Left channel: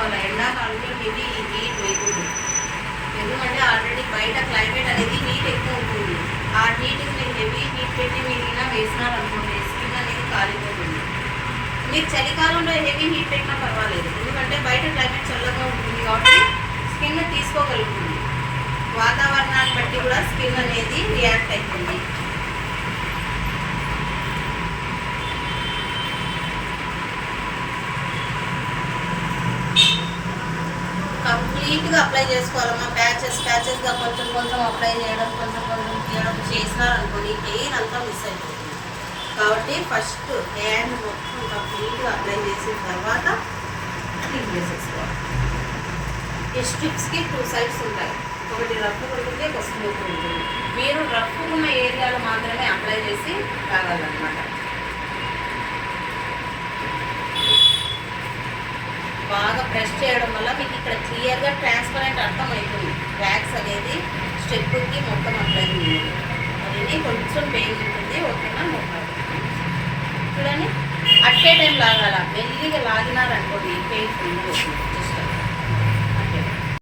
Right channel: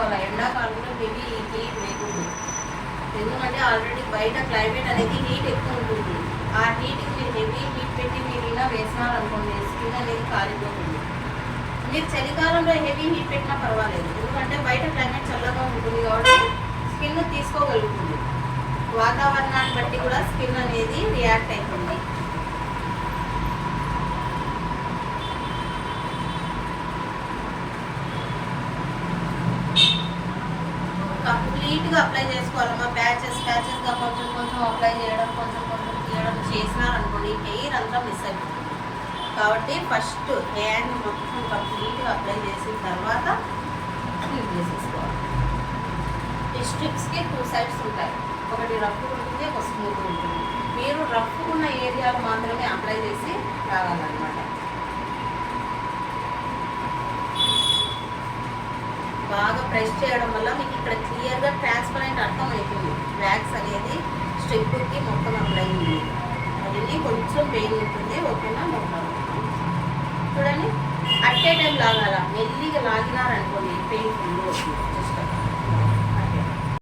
చేసుకోవాలి. ఎండాకాలంలో heavy heat వేయకూడదు. ఎందుకంటే ఆల్రెడీ బయట క్లైమేట్ అనేది హీట్ ఎక్కువ ఉంటుంది. ఆ హీట్కి మీరు హెవీ హీట్ పెట్టి మీరు ఇలా వేసినారనుకోండి స్కిన్ అనేది కాలిపోతుంది. మీరు చలికాలంలో హెవీ హీట్ పెట్టినా పర్వాలేదు, ఎందుకంటే బయట క్లైమేట్ చల్లగా ఉంటుంది కాబట్టి స్కిన్ తీసుకోగలుగుతుంది. వాతావరణాన్ని బట్టి కూడా స్కిన్ అనేది రియాక్ట్ అవుతుంది. కంప్లీట్గా అప్లై చేసుకోవాలమ్మా. ప్యాచెస్గా కొంచెం కొంచెం అప్లై చేయడం, కొంచెం కొంచెం తీయడం చేసినారనుకోండి హెయిర్ అంతా మిస్ అయిపోతుంది. కాబట్టి ఫస్ట్ హ్యాండ్ మొత్తం కంప్లీట్గా అప్లై చేసిన తర్వాత క్లీన్ చేసేసుకోవాలి. ఈ స్ట్రిప్స్కి 2 సైడ్స్ ఉంటాయి, ఒకటి రఫ్ ఉంటుంది, ఒక స్మూత్ ఉంటుంది. మీరు రఫ్ ఉన్న ఏరియాలు మాత్రమే అప్లై చేసి రావాలన్నమాట. బాగా ప్రెస్ చేయడం వల్ల మీకు ఇక్కడ క్లియర్గా ట్రాన్స్పరెంట్ అర్థం అవుతుంది. వ్యాక్స్ అనేది స్టెప్కి మొత్తం అప్లై ఉంది. అది కొంచెం పెయిన్ ఉంటుంది, ఓకేనా? చూడండి, అట్టే టైం లాగాల, మెల్లిగా లాగినారనుకోండి పెయిన్ ఫుల్ వస్తుంది. జస్ట్